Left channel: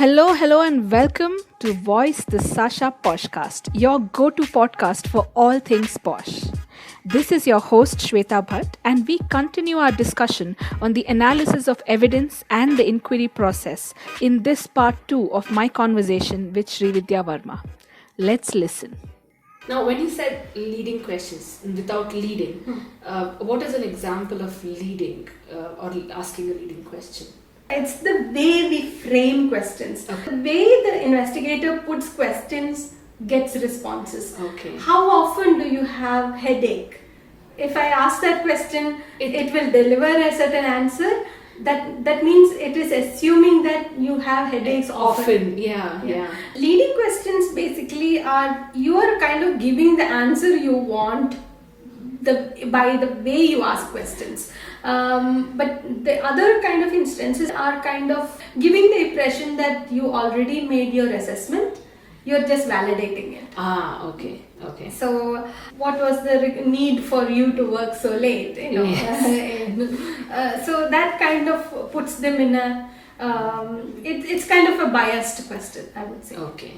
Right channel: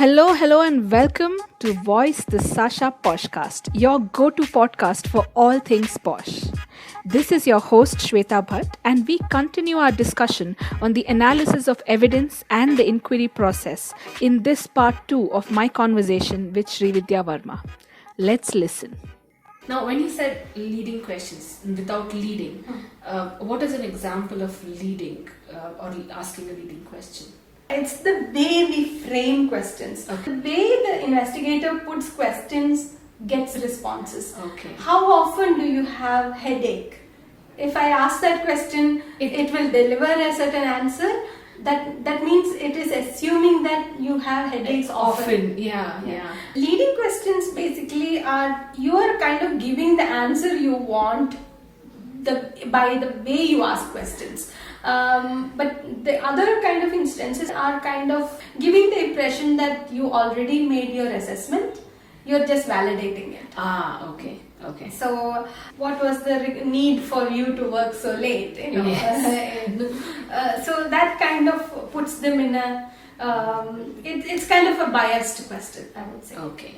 Hello, and welcome to Voice the SASHA podcast, your go to podcast for all things posh. This is your host Shweta Bhatt, and we continue our discussion on the analysis of evidence and the inquiry process in this part 2 of my conversation with Sreevidya Varma. Let's listen. Now, when you said leading questions without leading, what is an example of leading or asking a leading question? It's the way we frame questions. Okay. The way the investigator puts questions gets responses. Okay. How often do you have headache? If I ask that question, it will deliver a certain answer. That means it is assuming that you have headaches often. Yeah. Leading questions basically are you are kind of giving the answer you want by the way you ask questions. But the other kind of instances are kind of giving the impression that you already made your assessment, you're just validating it. Okay. So what was the need for you to work so late? Yes. So that kind of puts them in a, it's kind of a biased question, I would say. Okay.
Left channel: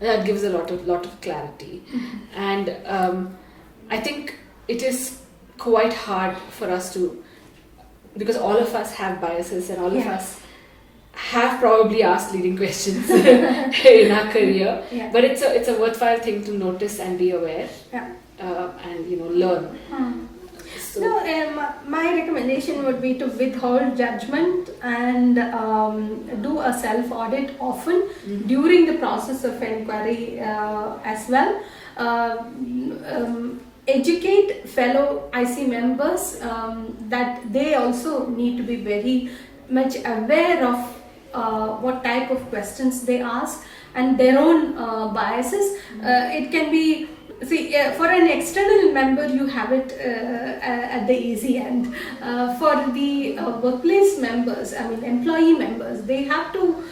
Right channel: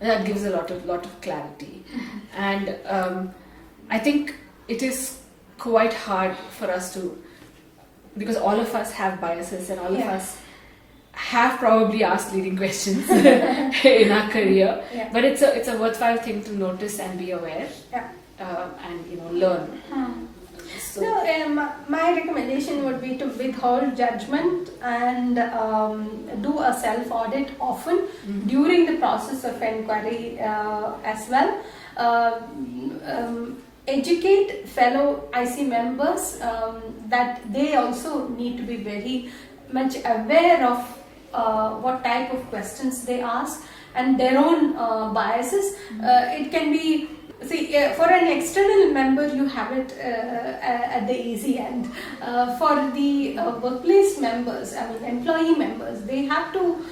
That gives a lot of clarity. And I think it is quite hard for us to, because all of us have biases and all of us have probably asked leading questions in our career. Yeah. But it's a worthwhile thing to notice and be aware and learn. So my recommendation would be to withhold judgment and do a self-audit often during the process of inquiry as well. Educate fellow IC members that they also need to be very much aware of what type of questions they ask and their own biases. It can be, for an external member you have it at the easy end. For the workplace members, employee members, they have to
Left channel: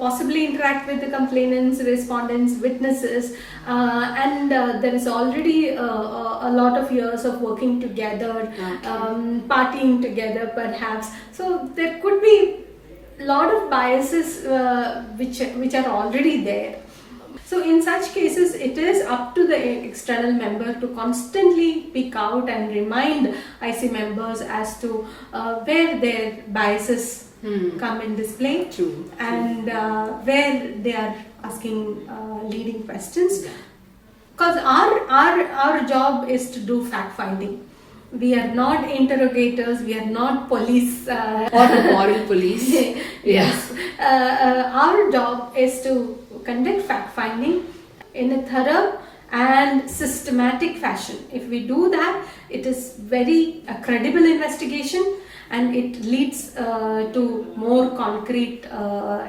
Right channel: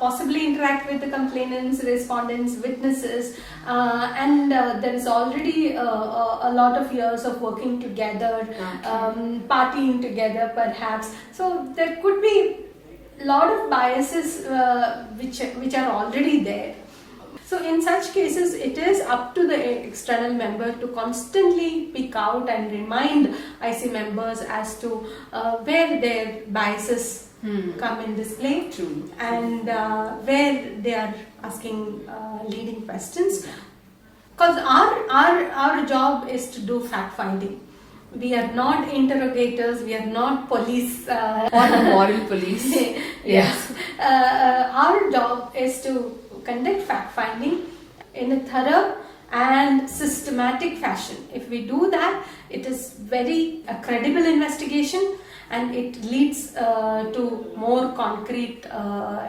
possibly interact with the complainants, respondents, witnesses, and there is already a lot of years of working together, partying together perhaps. So there could be a lot of biases which are already there. So in such cases, it is up to the external member to constantly pick out and remind IC members as to where their biases come in display. True. And where they are asking leading questions. Because our job is to do fact finding. We are not interrogators, we are not police. Or the moral police. Yes. Our job is to conduct fact finding in a thorough and systematic fashion. If we do that, it is very credible investigation and it leads to more concrete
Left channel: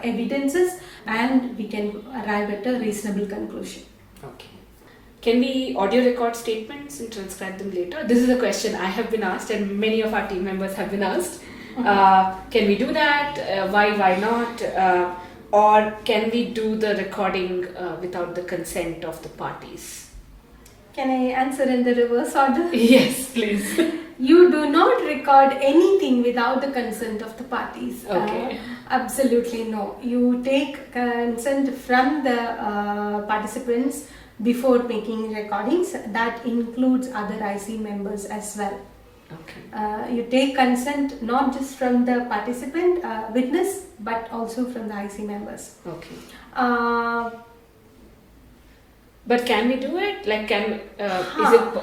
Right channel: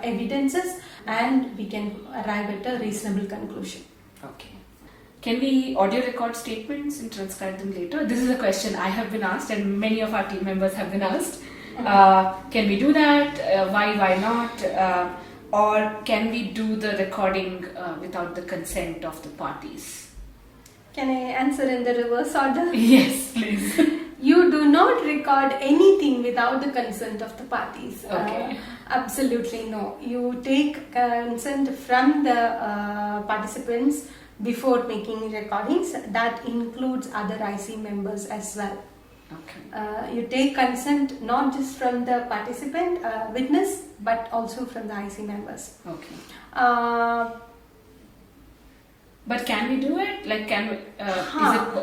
evidences and we can arrive at a reasonable conclusion. Okay. Can we audio record statements and transcribe them later? This is a question I have been asked and many of our team members have been asked. Can we do that? Why not? Or can we do the recording without the consent of the parties? Can I answer in the reverse order? Yes, please. You do not record anything without the consent of the parties. Okay. Absolutely no. You take consent from the participants before making recordings. That includes other IC members as well. Okay. You take consent not just from the participant, witness, but also from the IC members. Okay. But can we do it? Like,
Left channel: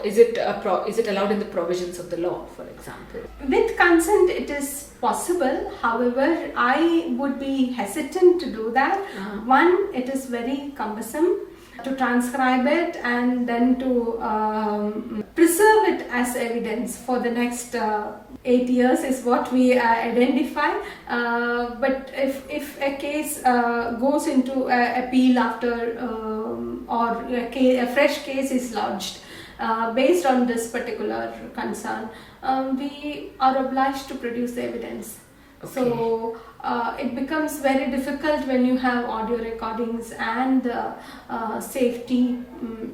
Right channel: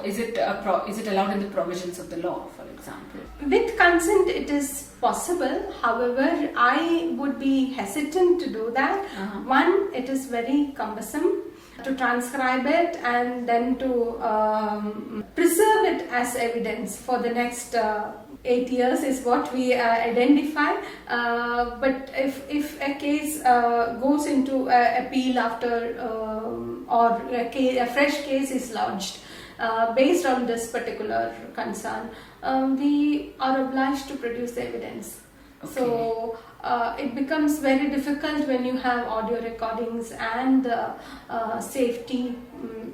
is it allowed in the provisions of the law, for example? With consent, it is possible. However, I would be hesitant to do that. One, it is very cumbersome to transcribe it and then to preserve it as evidence for the next 8 years is what we identify. But if a case goes into appeal after or a fresh case is lodged based on this particular concern, we are obliged to produce the evidence. Okay. So it becomes very difficult when you have audio recordings and safety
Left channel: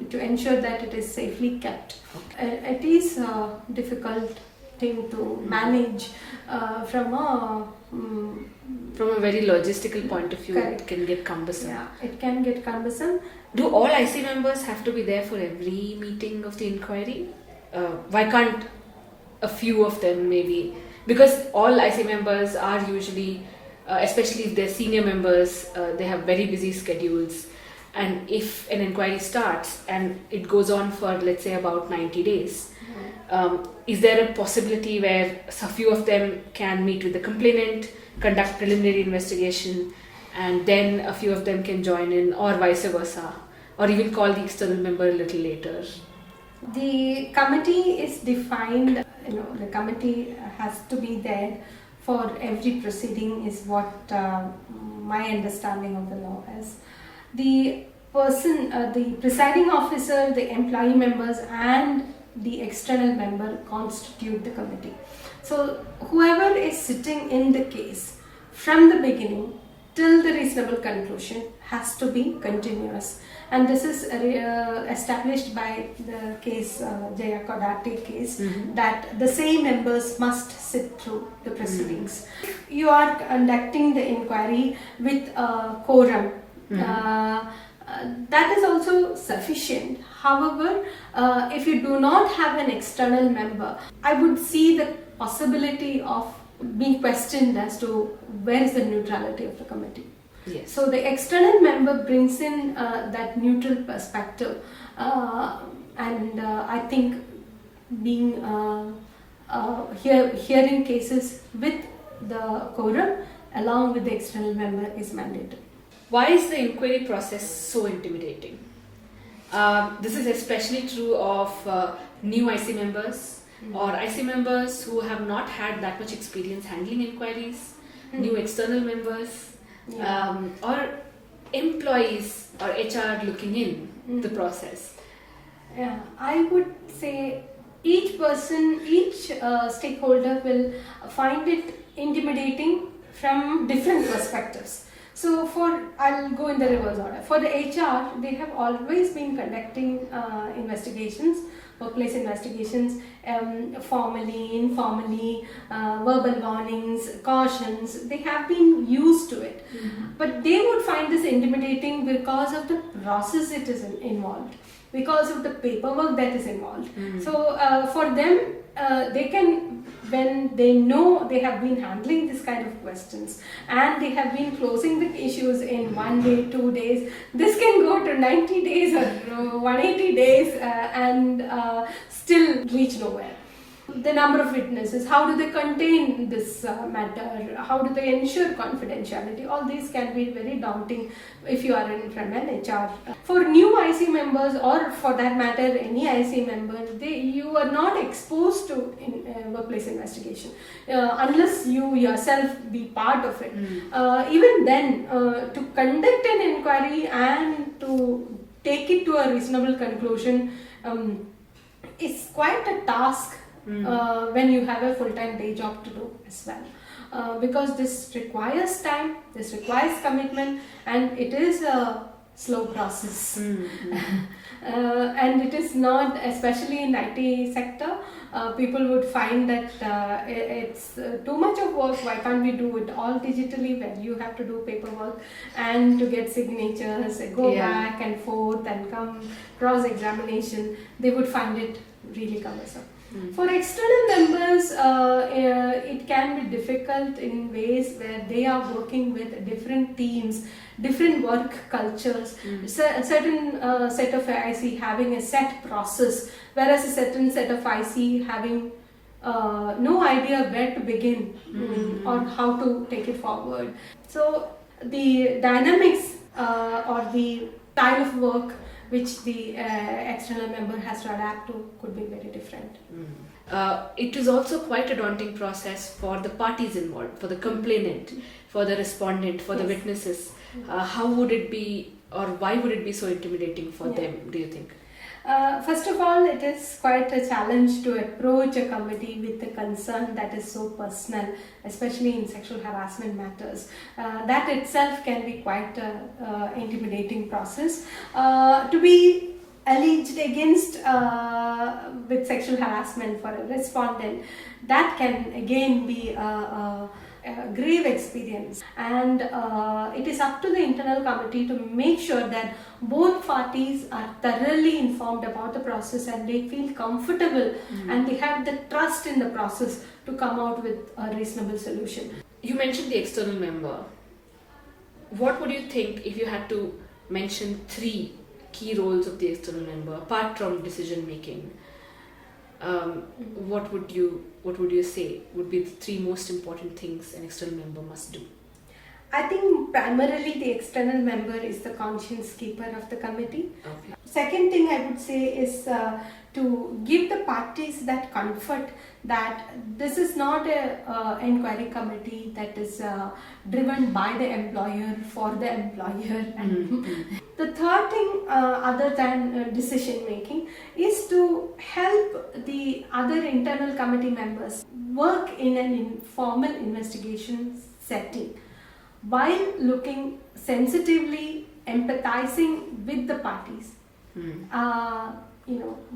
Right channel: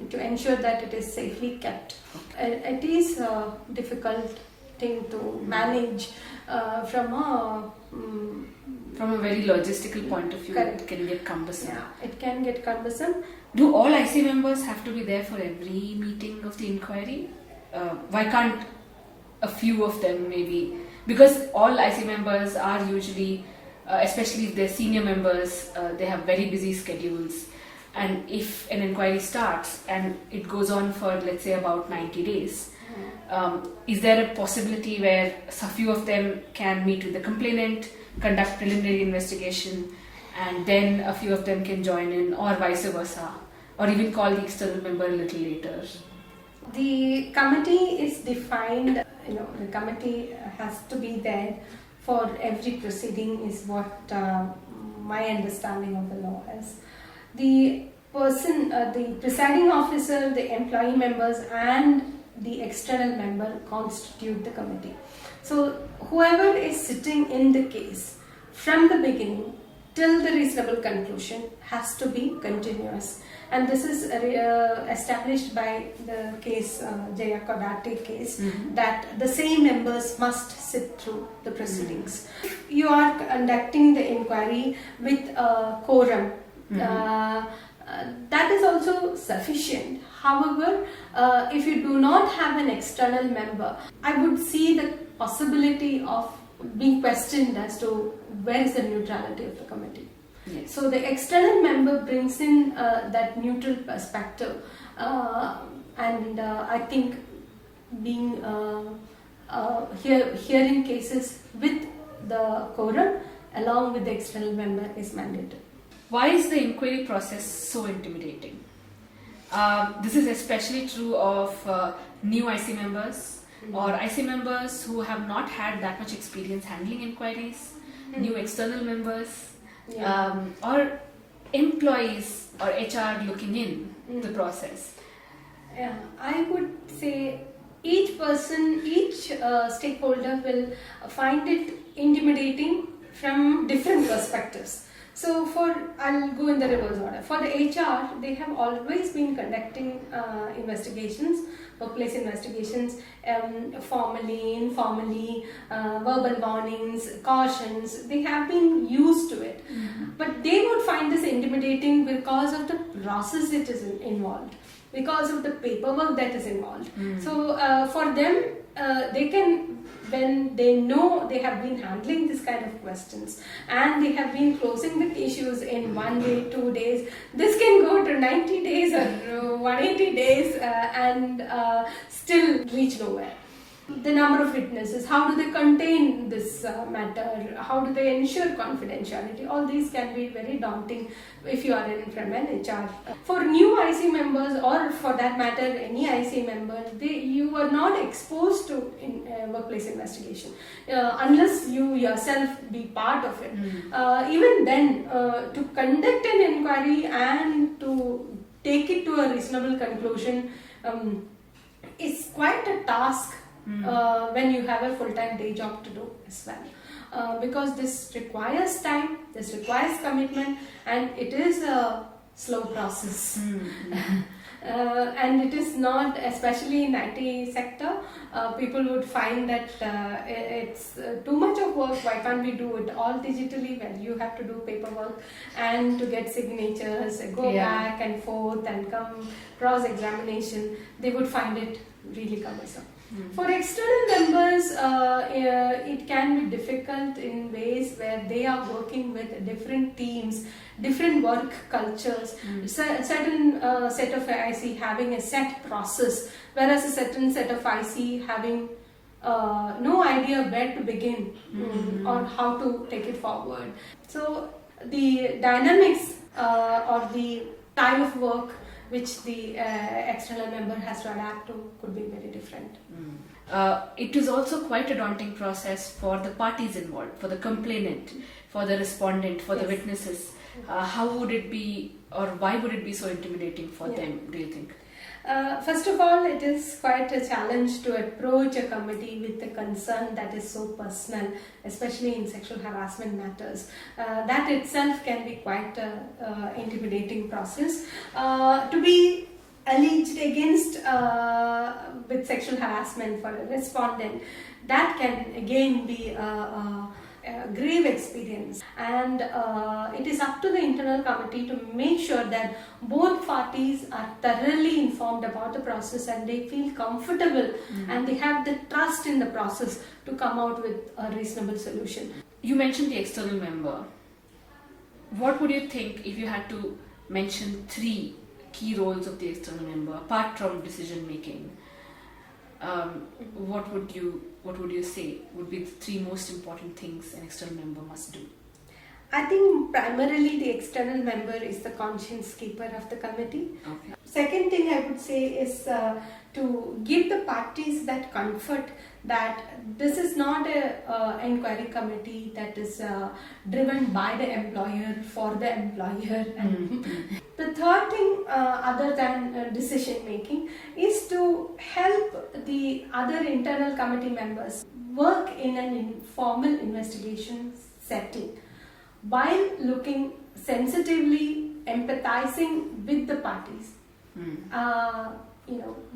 to ensure that it is safely kept. It is a difficult thing to manage from a From a very logistical point of view, Correct. it can get cumbersome. Yeah, it can get cumbersome. Do all IC members have to be there for every meeting of the inquiry? Why can't a few of them maybe? Because all IC members are usually, especially if they're senior members, they have very busy schedules. And if an inquiry starts and it goes on for, let's say, about 90 days, is there a possibility where a few of them can meet with the complainant, conduct preliminary investigation, and then a few of them can join in, or vice versa, or even call the external member a little later? The committee is defined, the committee has to be there for every proceeding is what my understanding of the law is. The person, the presiding officer, the employee members and the external member constitute the committee. So whoever is sitting in the case from the beginning till the reasonable conclusion has to be continuous. And this is established by the case, Jaya Kodate case, that the same members must sit through the proceedings. You are conducting the inquiry with a quorum. That is also sufficient. However, if you do not have an external member, I would see the possibility of being questioned as to where is the neutrality of the committee. Yes. So the external member brings in that neutral perspective, and I think being hearing cases with the quorum along with the external member is mandatory. Why is the inquiry process so intimidating? This is especially true of new IC members or IC members who have not had that much experience handling inquiries, new external members, or employees or HR looking in the process. Yeah, I would say each person, each stakeholder will find it intimidating from different perspectives. So I'll go in the reverse order. For the HR, they have always been conducting investigations, workplace investigations, formally, informally, verbal warnings, cautions. They have been used to it. But they would find this intimidating because of the process it is involved, because of the paperwork that is involved. So for them, they can, when they know they have been handling this kind of questions and they have been closing the issues in 1 day, 2 days, this can go to 90 days or 180 days and still reach nowhere. The number of witnesses, how do they contain this matter, how do they ensure confidentiality, all these can be very daunting if you are in from an HR. For new IC members, or for that matter any IC member, you are not exposed to workplace investigation unless you yourself be part of it. Even then, to conduct an inquiry and to take it to a reasonable conclusion is quite a task. When you have a full-time day job to do as well, because this requires time, this requires commitment, and it is a slow process. And it is not, especially in IT sector, people would find that it's too much of work. Why can't we do it all digitally, where you have to do paperwork and to get signatures, go back and forth and come cross-examination. They would find it really cumbersome. For external members, it can be difficult in ways where they are working with different teams, different work cultures, certain set of IC having a set process, whereas a certain set of IC having no idea where to begin or how to take it forward. So the dynamics or the style of work which the external member has to adapt to could be very different. It is also quite a daunting process for the parties involved, for the complainant, for the respondent, for the witnesses. How would it be, or why would it be so intimidating for them, do you think? First of all, it is quite a challenge to approach a committee with a concern that is so personal, especially in sexual harassment matters. That itself can be quite an intimidating process. To be alleged against with sexual harassment for a respondent, that can again be grave experience, and it is up to the internal committee to make sure that both parties are thoroughly informed about the process and they feel comfortable and they have the trust in the process to come out with a reasonable solution. You mentioned the external member. What would you think if you had to mention 3 key roles of the external member apart from decision making? What would you say would be the 3 most important things an external member must do? I think primarily the external member is the conscience keeper of the committee. Okay. Second thing I would say is to give the parties that comfort that this is not a inquiry committee that is driven by the employer for the employer. And the third thing other than decision making is to help the other internal committee members work in an informal investigation setting while looking sensitively, empathizing with the parties.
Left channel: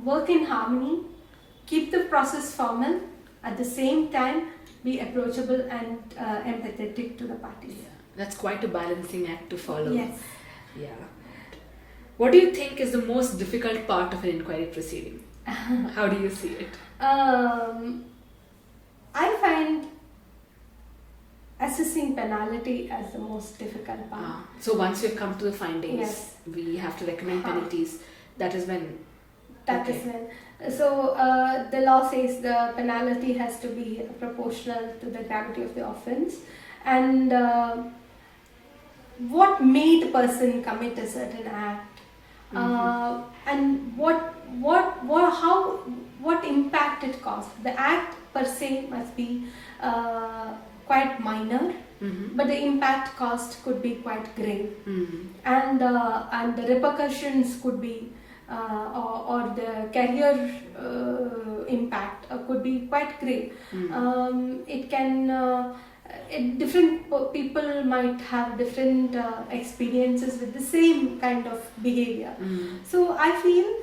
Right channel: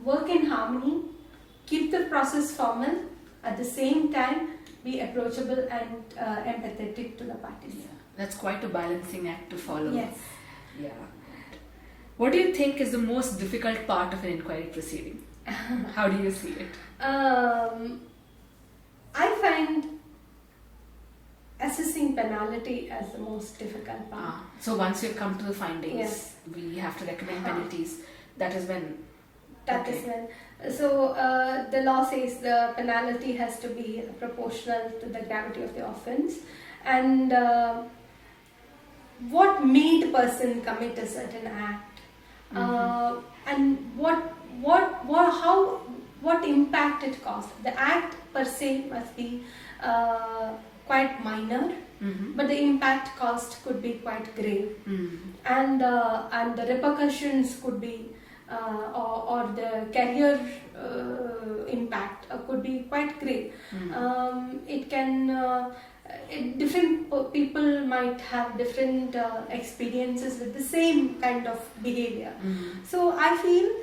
Work in harmony, keep the process formal, at the same time be approachable and empathetic to the parties. That's quite a balancing act to follow. Yes. Yeah. What do you think is the most difficult part of an inquiry proceeding? How do you see it? I find assessing penalty as the most difficult part. So once you've come to the findings, yes, we have to recommend penalties. That is when. That is when. So the law says the penalty has to be proportional to the gravity of the offence, and what made the person commit a certain act, and what impact it caused. The act per se must be quite minor, but the impact caused could be quite grave, and the repercussions could be or the career impact could be quite great. It can different people might have different experiences with the same kind of behavior. So I feel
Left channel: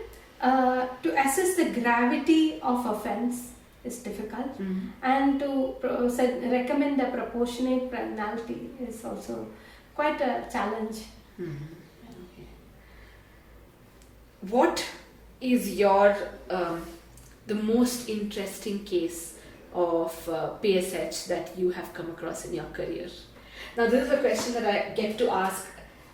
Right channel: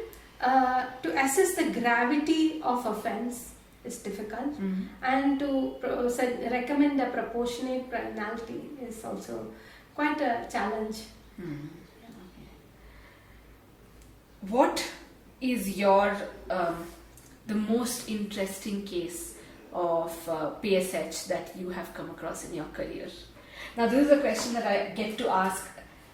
to assess the gravity of offence is difficult, and to recommend a proportionate penalty is also quite a challenge. What is your the most interesting case of PSH that you have come across in your career? Now, this is a question that I get to ask,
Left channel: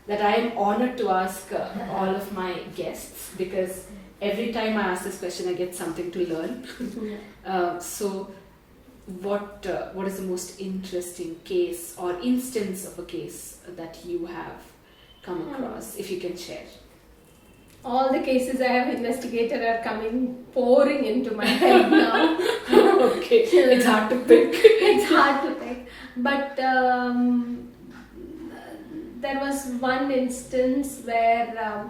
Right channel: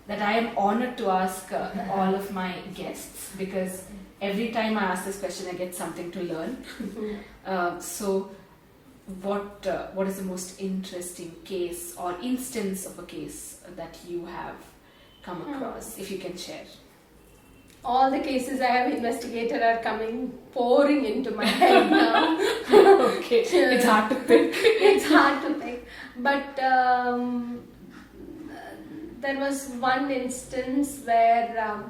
that I am honored to ask all of my guests, because every time I ask this question, I get something to learn. So, what is the most interesting case or instance of a case that you have come across, if you can share? All the cases I have investigated are pouring into my head now. Okay, it's hard to pick. It's hard to pick. But there was one instance where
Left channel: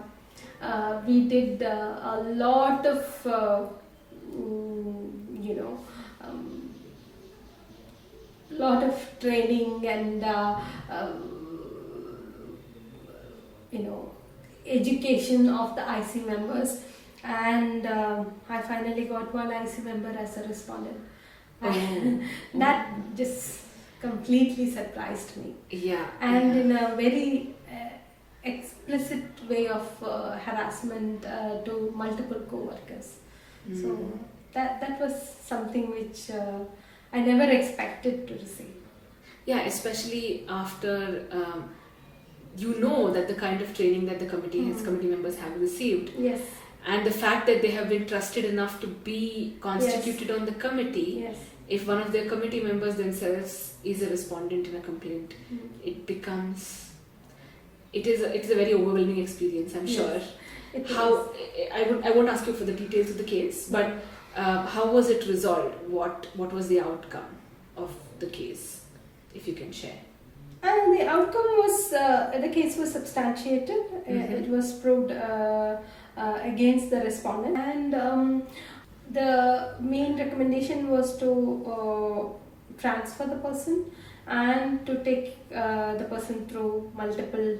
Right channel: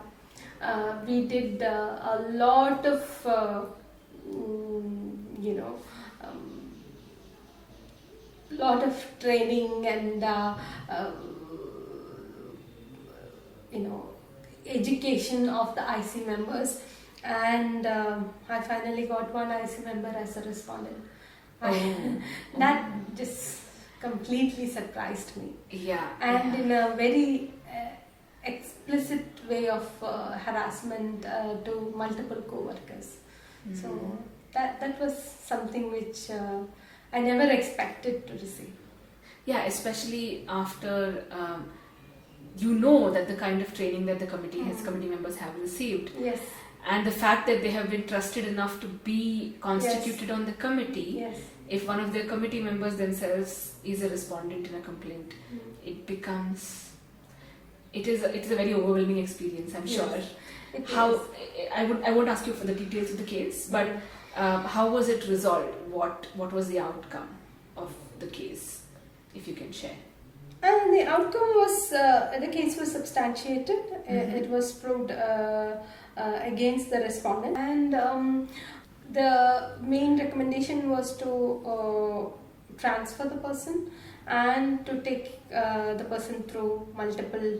we did a lot of, lot of training and, education of the IC members, and I finally got one IC member as a respondent. That just completely surprised me. Yeah. And in a very explicit way of harassment to multiple co-workers. So that was something which I never expected to receive. Yeah, especially after that the kind of training that the committee members have received. Yes. And the fact that they have been trusted enough to be constituted on the committee. Yes. If one of their committee members themselves is a respondent in a complaint, it's a very overwhelming experience, I'm sure. I won't ask you for the details of the case, but how was it resolved? What was the outcome of the case, if you can share? The outcome was, the case was substantiated. It was proved against the respondent, and the main recommendation was to transfer the person and to take the person through multiple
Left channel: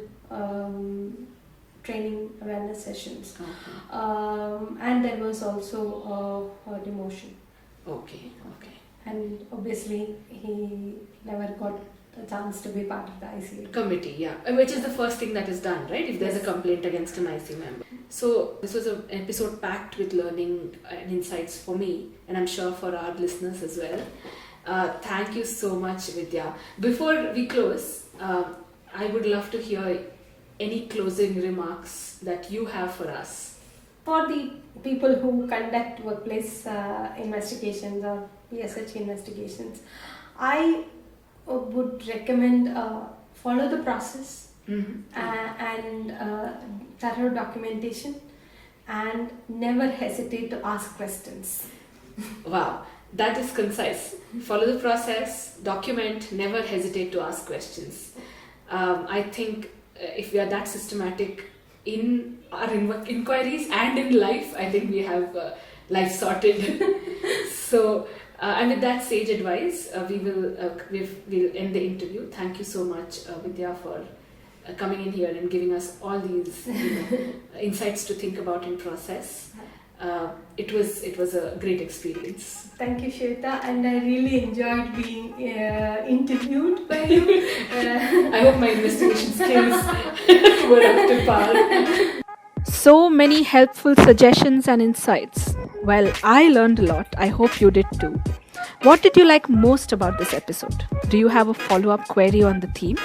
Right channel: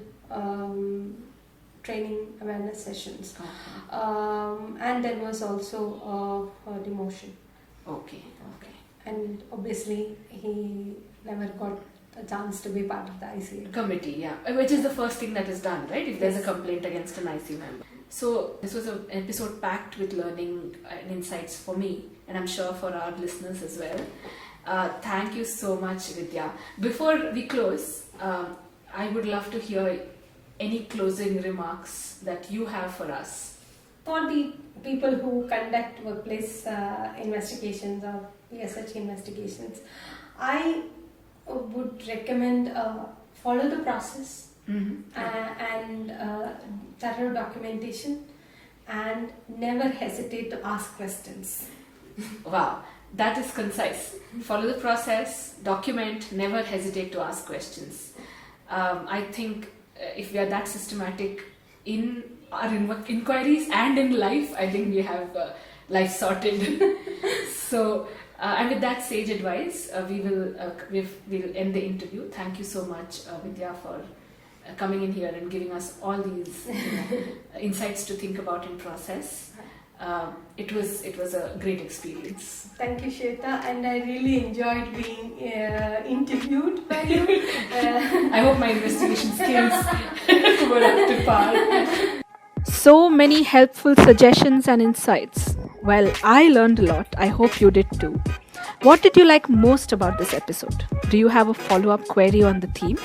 training awareness sessions. And there was also a demotion. Okay. and obviously he never got a chance to be part of the ICU committee. Yeah, which is the first thing that is done, right? If there's a complaint against an ICU member. So this was an episode packed with learning and insights for me, and I'm sure for our listeners as well. Thank you so much, Vidya. Before we close, I would love to hear any closing remarks that you have for us. For the people who conduct workplace investigations or PoSH investigations, I would recommend follow the process and thorough documentation, and never hesitate to ask questions. Wow, that is concise. Follow the process, document, never hesitate to ask questions. I think if we are that systematic in our inquiries and in life, I think we have life sorted. So, and with that sage advice, we'll end the interview. Thank you so much, Vidya, for coming in here and giving us all these insights to think about and process. It was a great experience. Thank you, Shweta, and I really enjoyed being interviewed by you. I hope my investigation skills were up to par. So many helpful suggestions and insights. Well, I learned a lot. I hope you did too. What did you like most about this episode? Do you have a follow-up query on the theme?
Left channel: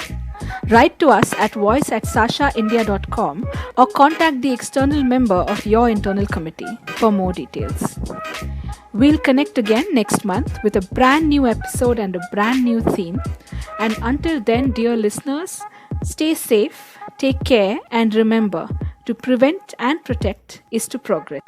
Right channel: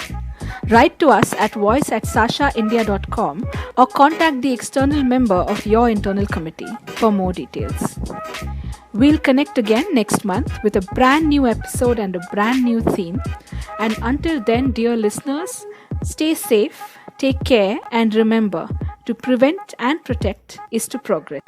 Write to us at voice@sashaindia.com or contact the external member of your internal committee for more details. We'll connect again next month with a brand new episode and a brand new theme. And until then, dear listeners, stay safe, take care, and remember, to prevent and protect is to progress.